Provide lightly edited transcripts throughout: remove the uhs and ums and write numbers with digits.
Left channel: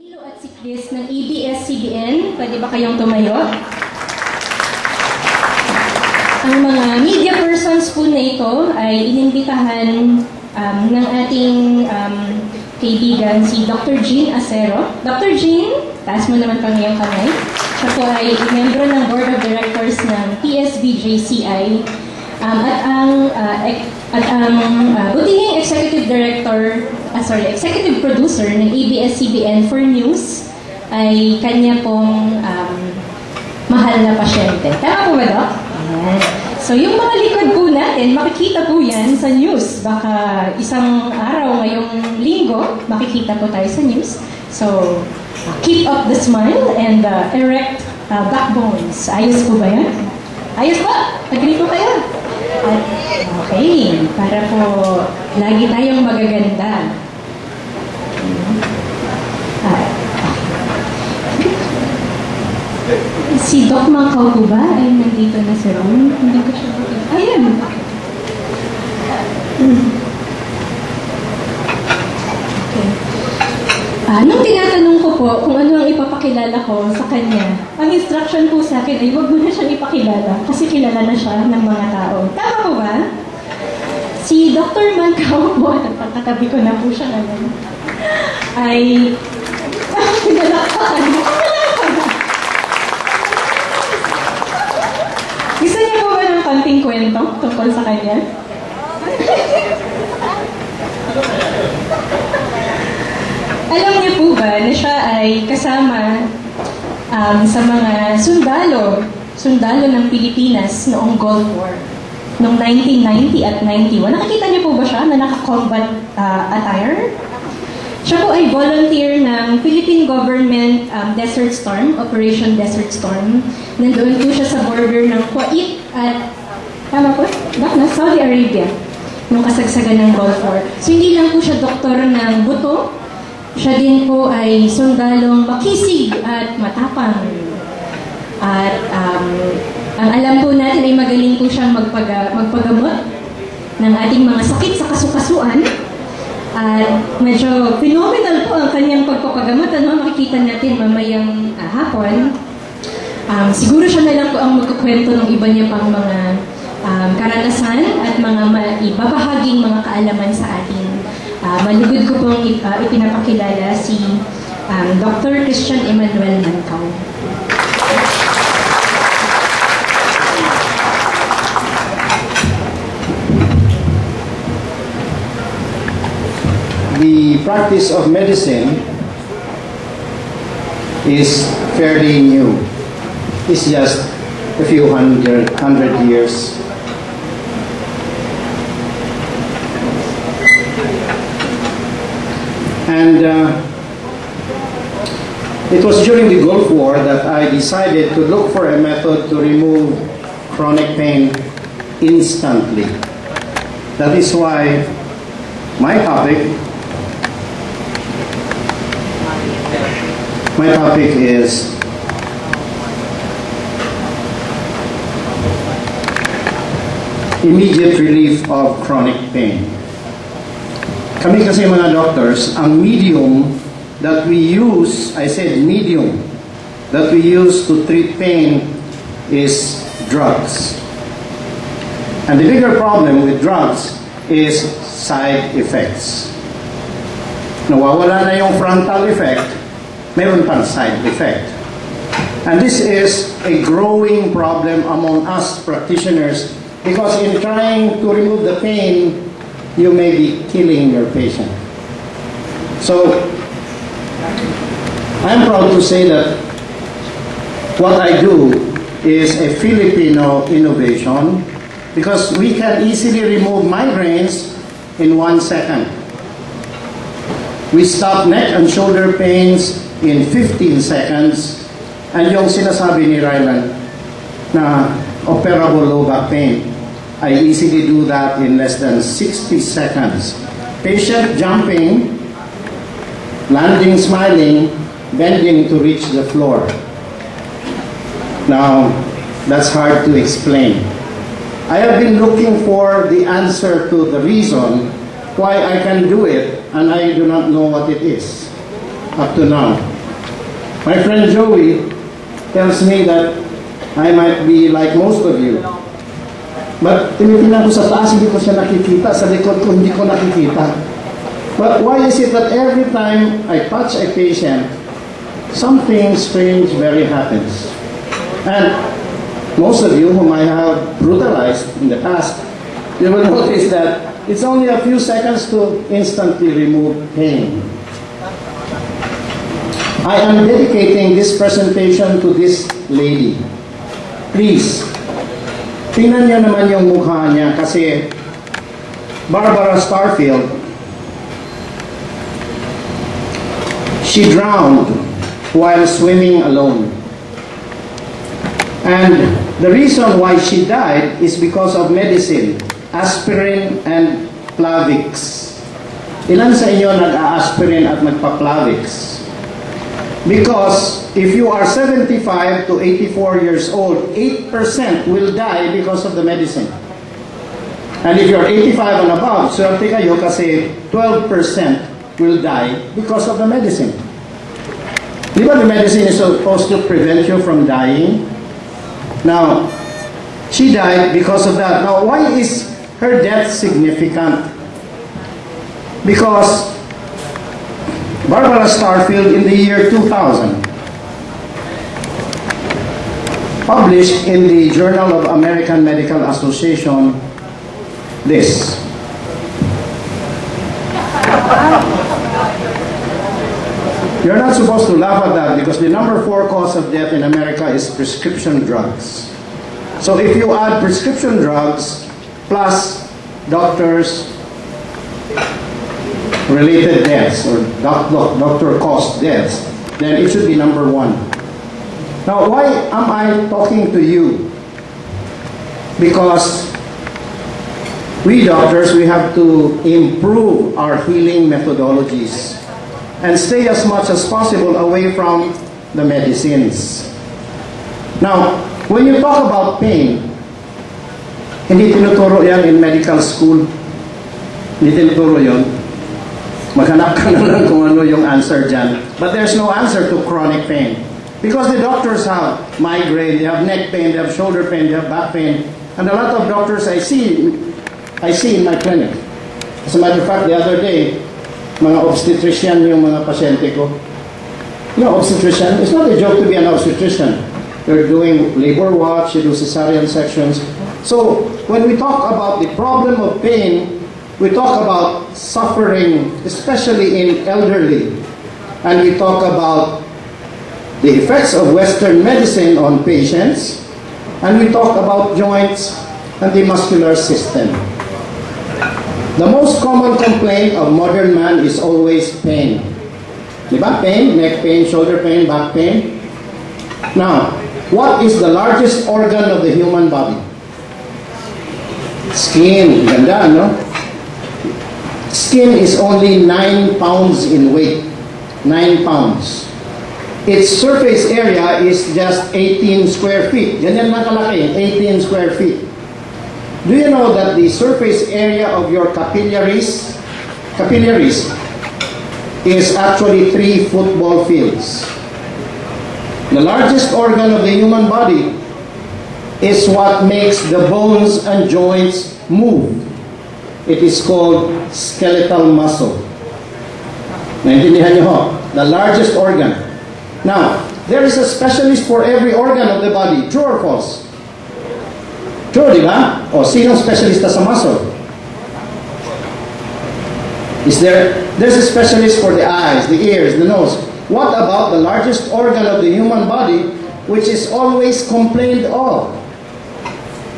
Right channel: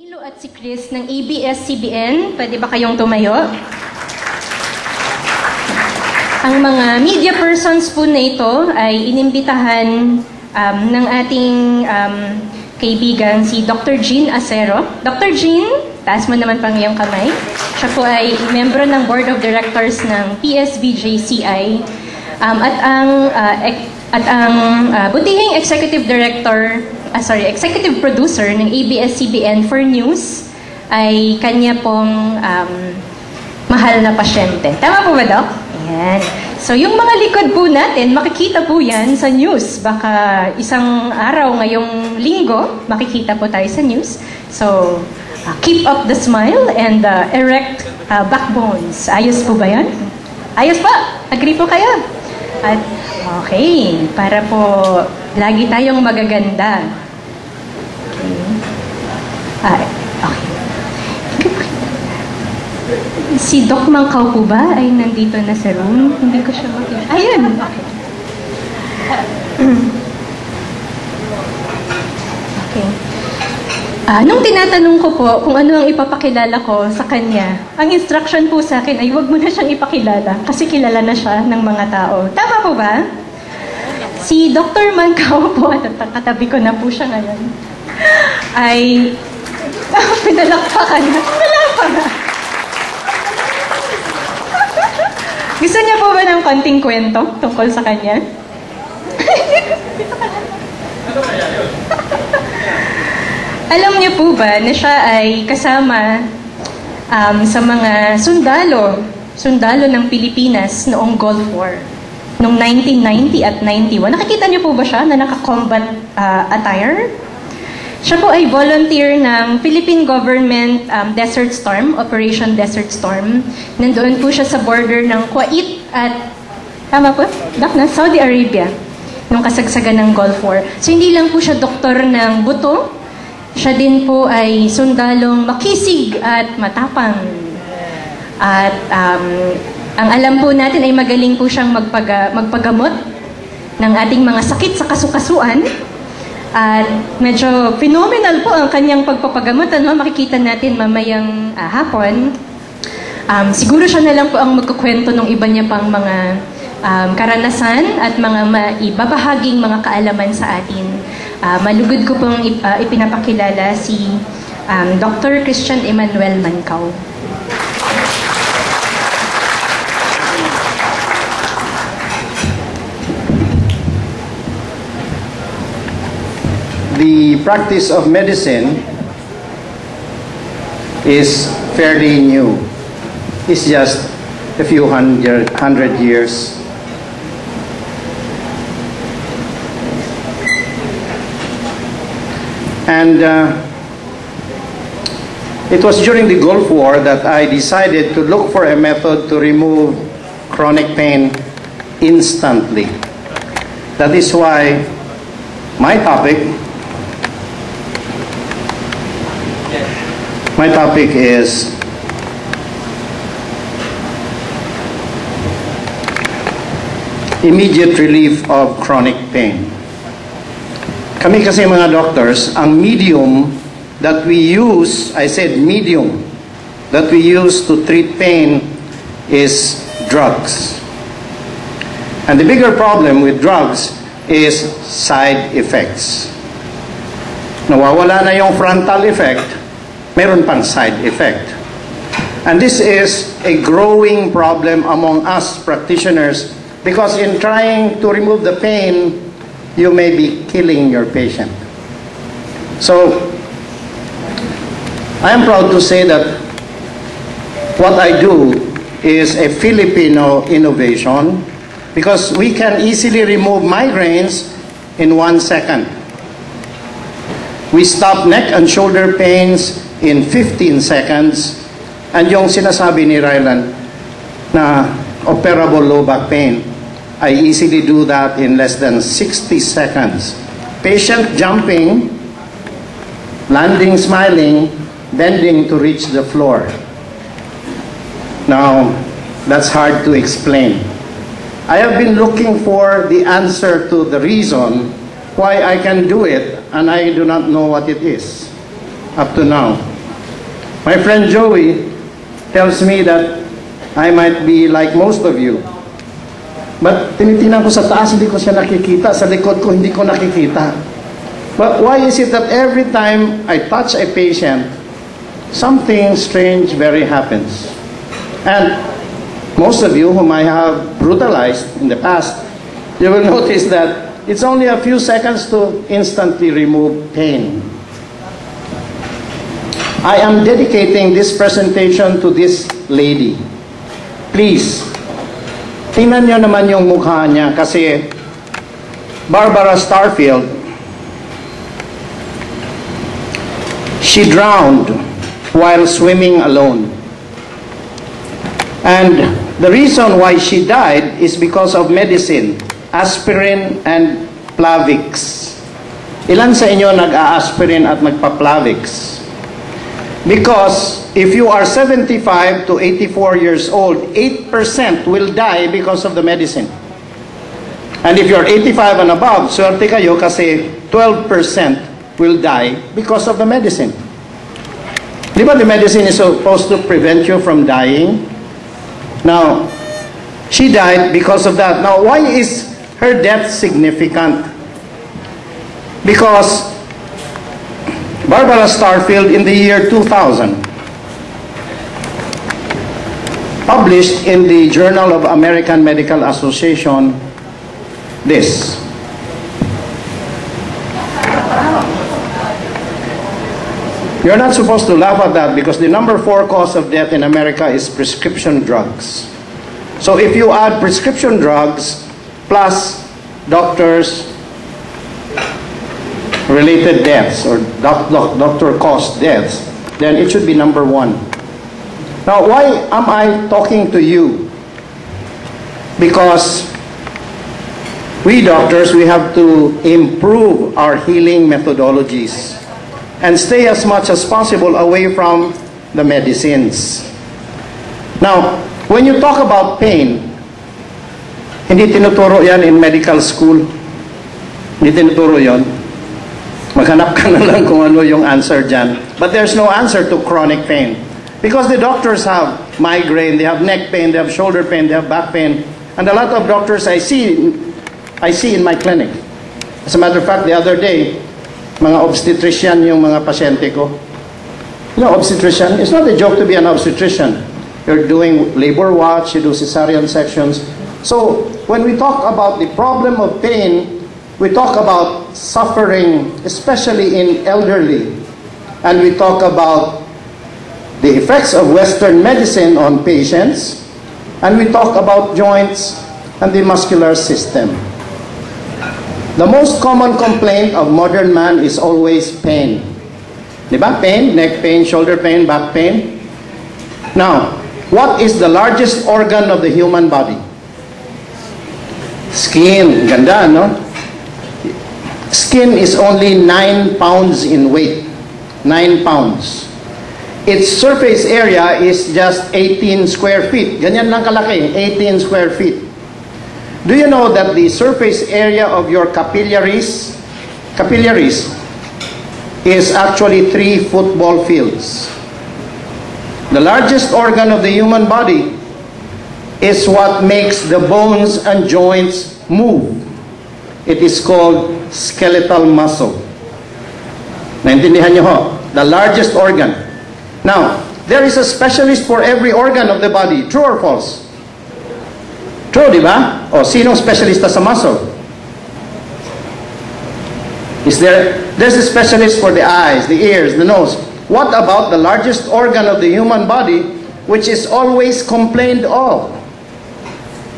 Nilo at si Chris ng ABS-CBN, pwede ba kayong tumayo? Ang mga media persons po na ito ay inimbitahan ng ating kaibigan si Dr. Jean Acero. Dr. Jean, taas mo naman pang iyong kamay. Siya po ay membro ng Board of Directors ng PSBJCI at ang butihing Executive Producer ng ABS-CBN for News ay kanya pong mahal na pasyente. Tama po ba, Doc? Ayan. So, yung mga likod po natin, makikita po yan sa news. Baka isang araw ngayong linggo, makikita po tayo sa news. So, keep up the smile and erect backbones. Ayos po ba yan? Ayos pa! Agree po kayo? At, okay, para po lagi tayong magaganda. Okay. Si Doc Mangkaw po ba ay nandito na sa room? Hindi ko siya makita. Ayun! Okay. Okay. Nung tinatanong ko po kung ano ang ipapakilala ko sa kanya, ang instruction po sa akin ay huwag mo na siyang ipakilala kasi kilala na siya ng mga tao. Tama po ba? Si Dr. Mangkaw po, at katabi ko na po siya ngayon, ay pinalakpakan na. Gusto niya po ba ng konting kwento tungkol sa kanya? Alam niyo po ba na siya ay kasama sa mga sundalo ng Pilipinas noong Gulf War, noong 1990 at 91. Nakikita niyo po ba siya na naka-combat attire? Siya po ay volunteer ng Philippine Government Desert Storm, Operation Desert Storm. Nandoon po siya sa border ng Kuwait at, tama po? Na Saudi Arabia, nung kasagsagan ng Gulf War. So hindi lang po siya doktor ng buto, siya din po ay sundalong makisig at matapang. At ang alam po natin ay magaling po siyang magpagamot ng ating mga sakit sa kasukasuan. At medyo phenomenal po ang kanyang pagpapagamot. Makikita natin mamayang hapon. Siguro siya na lang po ang magkukwento ng iba niya pang mga karanasan at mga ibabahaging mga kaalaman sa atin. Malugod ko pong ipinapakilala si Dr. Christian Emmanuel Mangkaw. The practice of medicine is fairly new. It's just a few hundred years. And it was during the Gulf War that I decided to look for a method to remove chronic pain instantly. That is why my topic is immediate relief of chronic pain. Kami kasi mga doctors, ang medium that we use, I said medium, that we use to treat pain is drugs. And the bigger problem with drugs is side effects. Nawawala na yung frontal effect, meron pang side effect. And this is a growing problem among us practitioners because in trying to remove the pain, you may be killing your patient. So, I am proud to say that what I do is a Filipino innovation because we can easily remove migraines in 1 second. We stop neck and shoulder pains in 15 seconds. And yung sinasabi ni Rylan na operable low back pain, I easily do that in less than 60 seconds. Patient jumping, landing smiling, bending to reach the floor. Now, that's hard to explain. I have been looking for the answer to the reason why I can do it, and I do not know what it is up to now. My friend Joey tells me that I might be like most of you. But tinitingnan ko sa taas, hindi ko siya nakikita. Sa likod ko, hindi ko nakikita. But why is it that every time I touch a patient, something strange very happens? And most of you whom I have brutalized in the past, you will notice that it's only a few seconds to instantly remove pain. I am dedicating this presentation to this lady. Please, tingnan niyo naman yung mukha niya kasi Barbara Starfield, she drowned while swimming alone. And the reason why she died is because of medicine, aspirin and Plavix. Ilan sa inyo nag-a-aspirin at nagpa-Plavix? Because if you are 75 to 84 years old, 8% will die because of the medicine. And if you're 85 and above, swerte kayo kasi 12% will die because of the medicine. Di ba the medicine is supposed to prevent you from dying? Now, she died because of that. Now, why is her death significant? Because Barbara Starfield in the year 2000 published in the Journal of American Medical Association this. You're not supposed to laugh at that because the number 4 cause of death in America is prescription drugs. So if you add prescription drugs plus doctors related deaths or doctor-caused deaths, then it should be number 1. Now, why am I talking to you? Because we doctors, we have to improve our healing methodologies and stay as much as possible away from the medicines. Now, when you talk about pain, hindi tinuturo yan in medical school. Hindi tinuturo yon. Maghanap ka na lang kung ano yung answer dyan. But there's no answer to chronic pain. Because the doctors have migraine, they have neck pain, they have shoulder pain, they have back pain. And a lot of doctors I see in my clinic. As a matter of fact, the other day, mga obstetrician yung mga pasyente ko. You know, obstetrician, it's not a joke to be an obstetrician. You're doing labor watch, you do cesarean sections. So, when we talk about the problem of pain, we talk about suffering, especially in elderly. And we talk about the effects of Western medicine on patients. And we talk about joints and the muscular system. The most common complaint of modern man is always pain. Diba? Pain, neck pain, shoulder pain, back pain. Now, what is the largest organ of the human body? Skin. Ganda, no? Skin is only 9 pounds in weight. 9 pounds. Its surface area is just 18 square feet. Ganyan lang kalaki, 18 square feet. Do you know that the surface area of your capillaries is actually 3 football fields? The largest organ of the human body is what makes the bones and joints move. It is called skeletal muscle. Naintindihan niyo ho? The largest organ. Now, there is a specialist for every organ of the body. True or false? True, di ba? O, sinong specialista sa muscle? There's a specialist for the eyes, the ears, the nose. What about the largest organ of the human body, which is always complained of?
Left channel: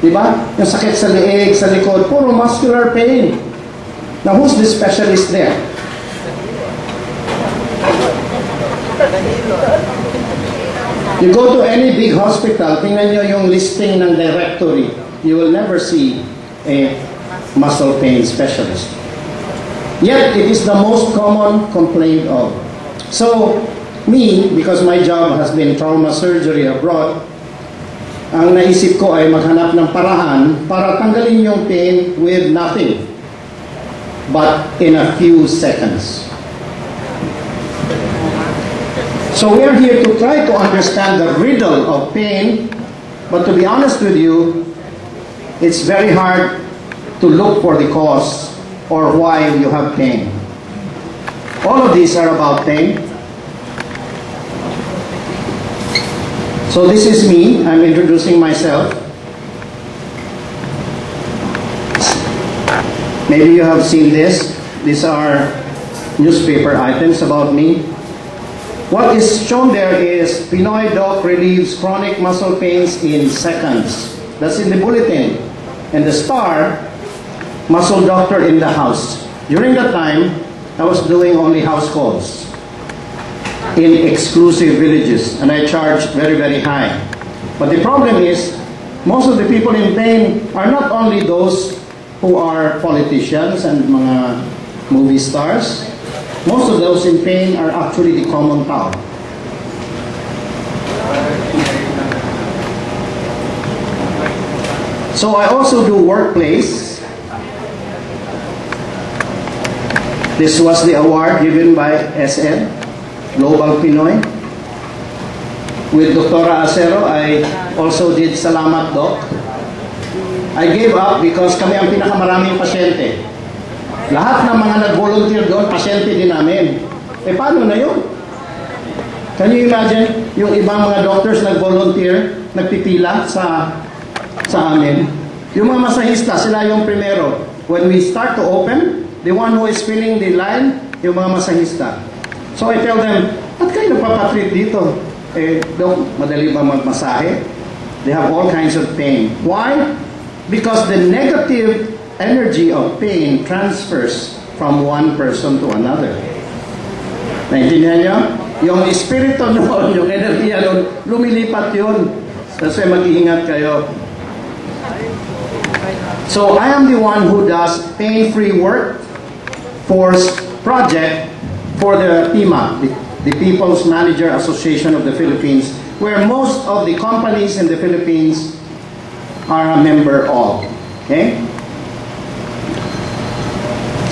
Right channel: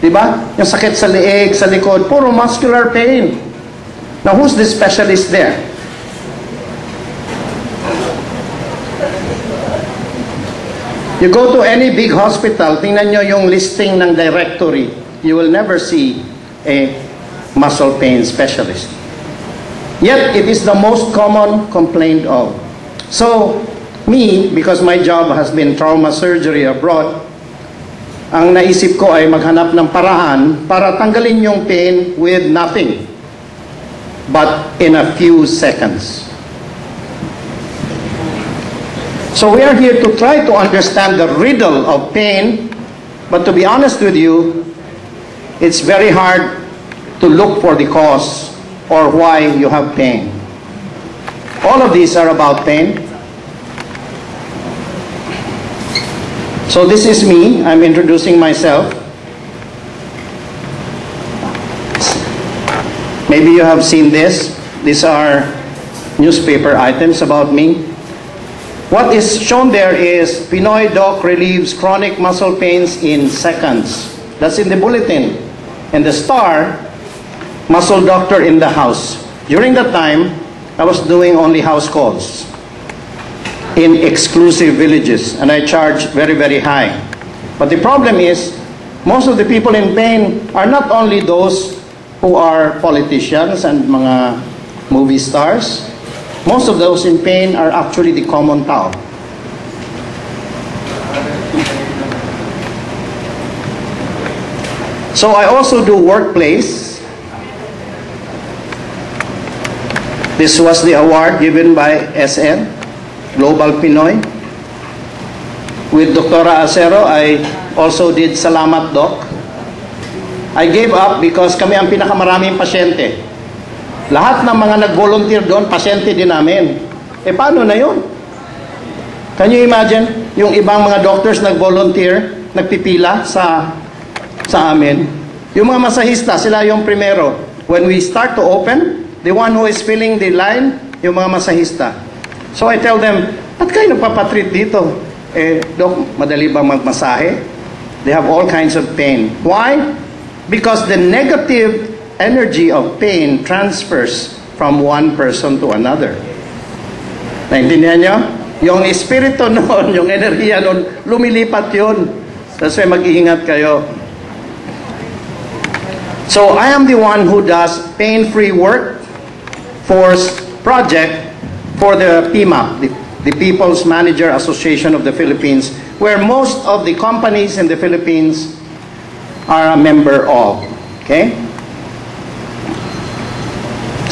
Diba? Yung sakit sa leeg, sa likod, puro muscular pain. Now, who's the specialist there? You go to any big hospital, tingnan nyo yung listing ng directory. You will never see a muscle pain specialist. Yet, it is the most common complaint of. So, me, because my job has been trauma surgery abroad, ang naisip ko ay maghanap ng paraan para tanggalin yung pain with nothing, but in a few seconds. So we are here to try to understand the riddle of pain, but to be honest with you, it's very hard to look for the cause or why you have pain. All of these are about pain. So this is me. I'm introducing myself. Maybe you have seen this. These are newspaper items about me. What is shown there is Pinoy doc relieves chronic muscle pains in seconds. That's in the bulletin. And the star, muscle doctor in the house. During that time, I was doing only house calls in exclusive villages, and I charged very, very high. But the problem is, most of the people in pain are not only those who are politicians and mga movie stars. Most of those in pain are actually the common tao. So I also do workplace. This was the award given by SN, Global Pinoy. With Dr. Acero, I also did Salamat Doc. I gave up because kami ang pinakamaraming pasyente. Lahat ng mga nag-volunteer doon, pasyente din namin. Eh paano na yun? Can you imagine? Yung ibang mga doctors nag-volunteer, nagpipila sa amin. Yung mga masahista, sila yung primero. When we start to open, the one who is filling the line, yung mga masahista. So I tell them, ba't kayo nagpapatreat dito? Eh, Dok, madali bang magmasahe? They have all kinds of pain. Why? Because the negative energy of pain transfers from one person to another. Naintindihan nyo? Yung espiritu noon, yung enerhiya noon, lumilipat yun. That's why mag-iingat kayo. So I am the one who does pain-free work force project for the PIMA, the People's Manager Association of the Philippines, where most of the companies in the Philippines are a member of. Okay?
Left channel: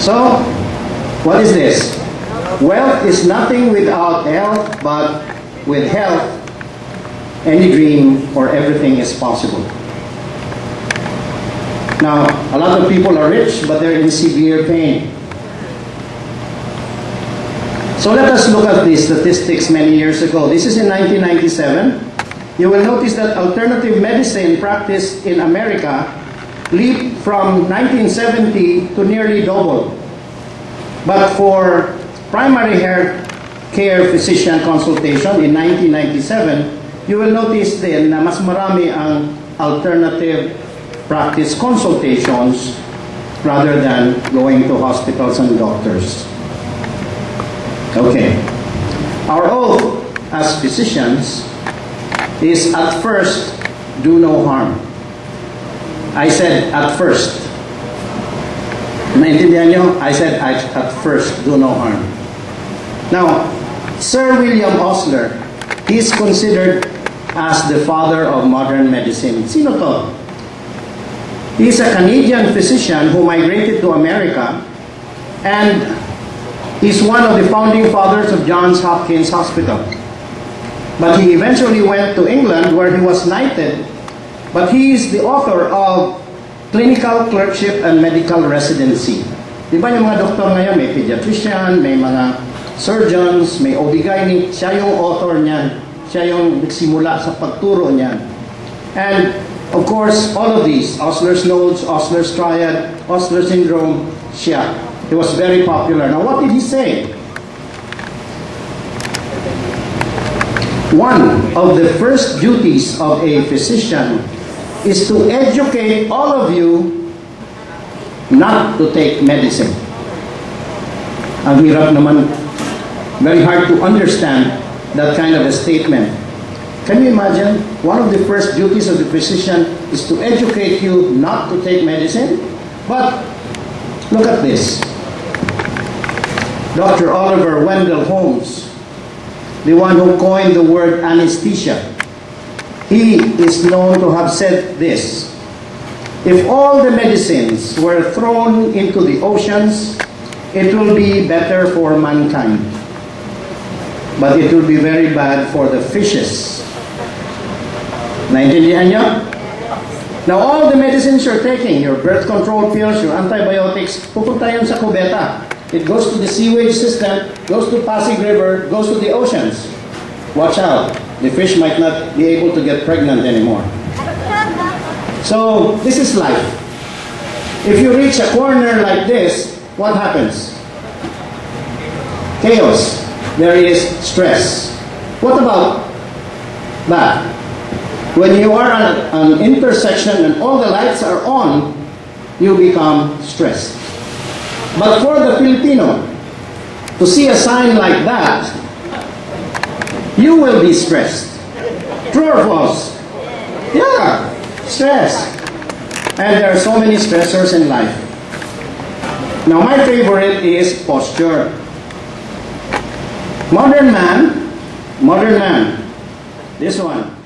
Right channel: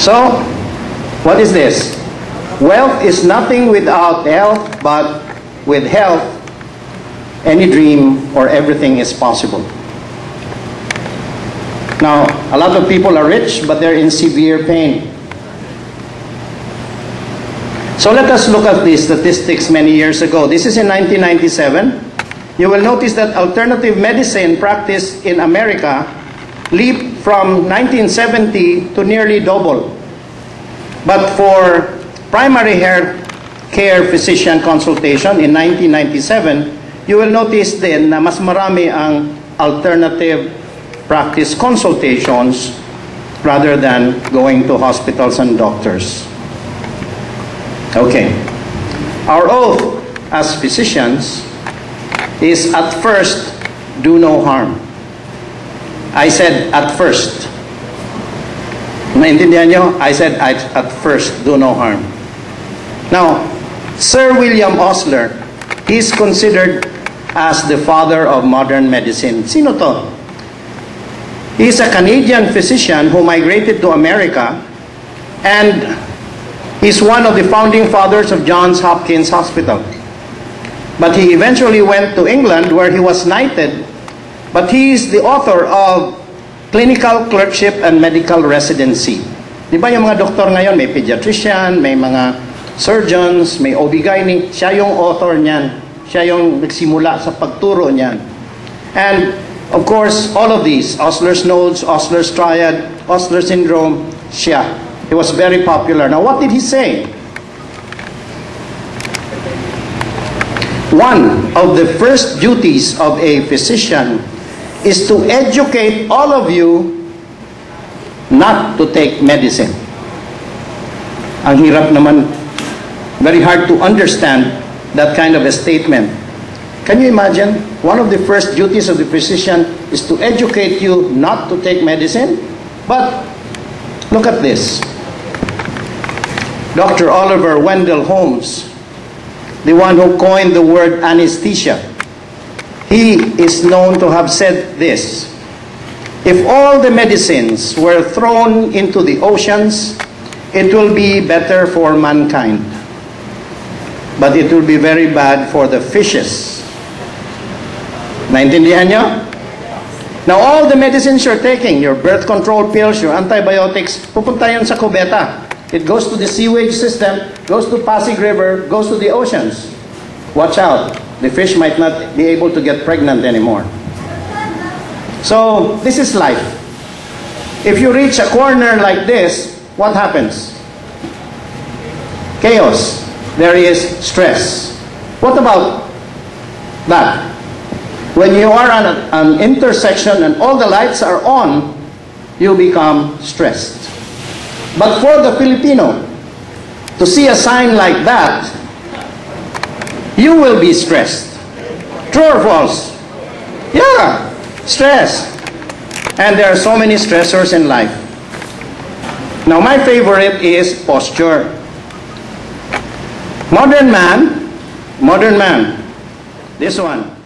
So, what is this? Wealth is nothing without health, but with health, any dream or everything is possible. Now, a lot of people are rich, but they're in severe pain. So let us look at these statistics many years ago. This is in 1997. You will notice that alternative medicine practice in America leaped from 1970 to nearly double. But for primary care physician consultation in 1997, you will notice then na mas marami ang alternative practice consultations rather than going to hospitals and doctors. Okay. Our oath as physicians is at first, do no harm. I said at first. Maintindihan nyo? I said at first, do no harm. Now, Sir William Osler, he's considered as the father of modern medicine. Sino to? He's a Canadian physician who migrated to America, and he's one of the founding fathers of Johns Hopkins Hospital. But he eventually went to England where he was knighted. But he is the author of Clinical Clerkship and Medical Residency. Di ba yung mga doktor ngayon, may pediatrician, may mga surgeons, may OB-GYN, siya yung author niyan. Siya yung nagsimula sa pagturo niyan. And of course, all of these, Osler's Nodes, Osler's Triad, Osler Syndrome, siya. He was very popular. Now, what did he say? One of the first duties of a physician is to educate all of you not to take medicine. Ang hirap naman, very hard to understand that kind of a statement. Can you imagine? One of the first duties of the physician is to educate you not to take medicine. But look at this. Dr. Oliver Wendell Holmes, the one who coined the word anesthesia, he is known to have said this: if all the medicines were thrown into the oceans, it will be better for mankind. but it will be very bad for the fishes. Naintindihan nyo? Now, all the medicines you're taking, your birth control pills, your antibiotics, pupunta yun sa kubeta. It goes to the sewage system, goes to Pasig River, goes to the oceans. Watch out. The fish might not be able to get pregnant anymore. So, this is life. If you reach a corner like this, what happens? Chaos. There is stress. What about that? When you are on an intersection and all the lights are on, you become stressed. But for the Filipino, to see a sign like that, you will be stressed. True or false? Yeah, stress. And there are so many stressors in life. Now, my favorite is posture. Modern man, this one.